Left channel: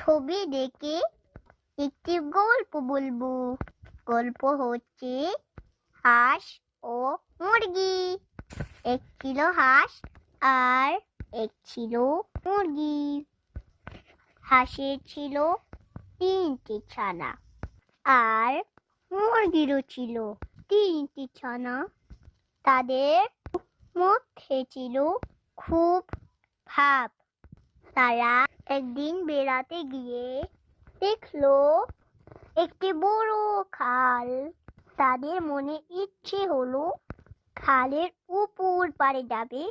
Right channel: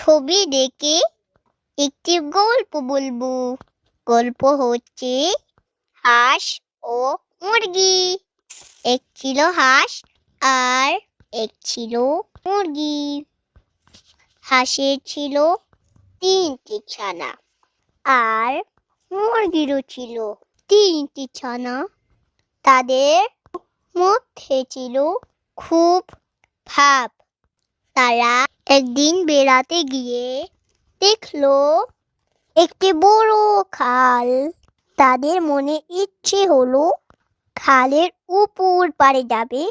ছবি দেখে একটি গল্প বলবো। গল্প হচ্ছে হাঁস ও মুরগি। এক ছিল হাঁস আর এক ছিল মুরগি। হাঁসের ছিল 3টি ছানা আর মুরগিরও ছিল 3টি ছানা। তাদের মধ্যে ছিল খুব ভাব। তারা একদিন বেড়াতে গিয়ে দেখলো একটি বড় খাল। তাদের মনে ইচ্ছে হলো খালের উপর পাড়ে যাবে,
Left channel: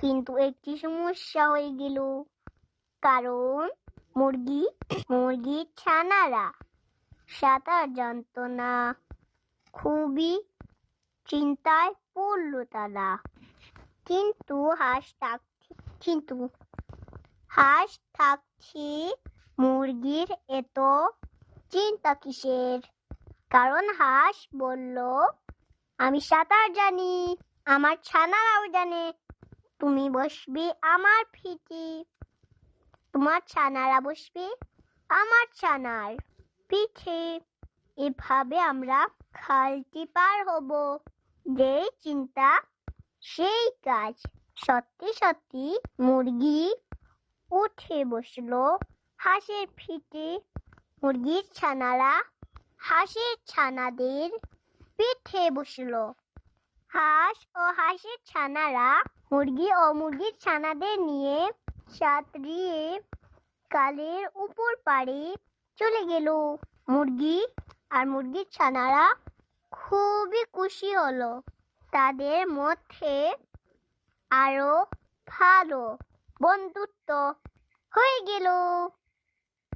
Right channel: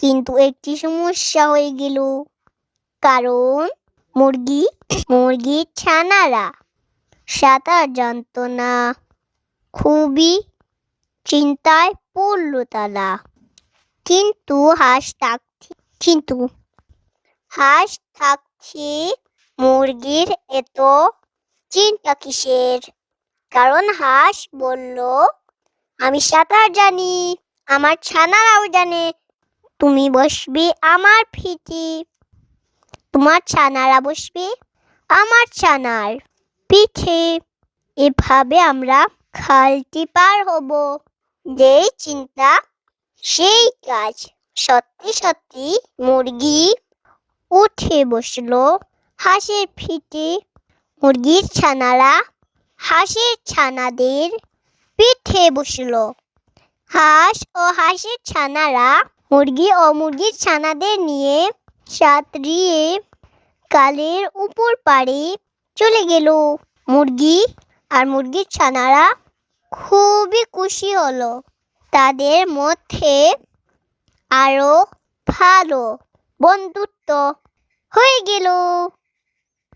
কিন্তু একটি সমস্যা হয়ে গেল। কারণ মুরগির ছানারা সাঁতার জানতো না। খুবই চিন্তায় পড়ল তারা। কিন্তু হাঁস থাকছে মুরগির এত চিন্তা কিসের? কারণ হাঁস বলল, আমি সাঁতার জানি, আমার ছানারাও জানে। তুমি বসবে আমার পিঠে, তোমার ছানারা বসবে আমার ছানার পিঠে। এভাবে আমরা খালটি পার হব। যেই চিন্তা সেই কাজ। সত্যি সত্যি মুরগি উঠে বসলো হাঁসের পিঠে। মুরগির ছানারা হাঁসের ছানাদের পিঠে বসলো। হাঁস ও হাঁসের ছানারা মুরগি ও মুরগির ছানাদের নিয়ে সাঁতরিয়ে খালের উপর পাড়ে চলে গেল। মুরগি আর মুরগির ছানারা খুবই খুশি হলো। তাদের মধ্যে আরো ভালো বন্ধুত্ব হয়ে গেল।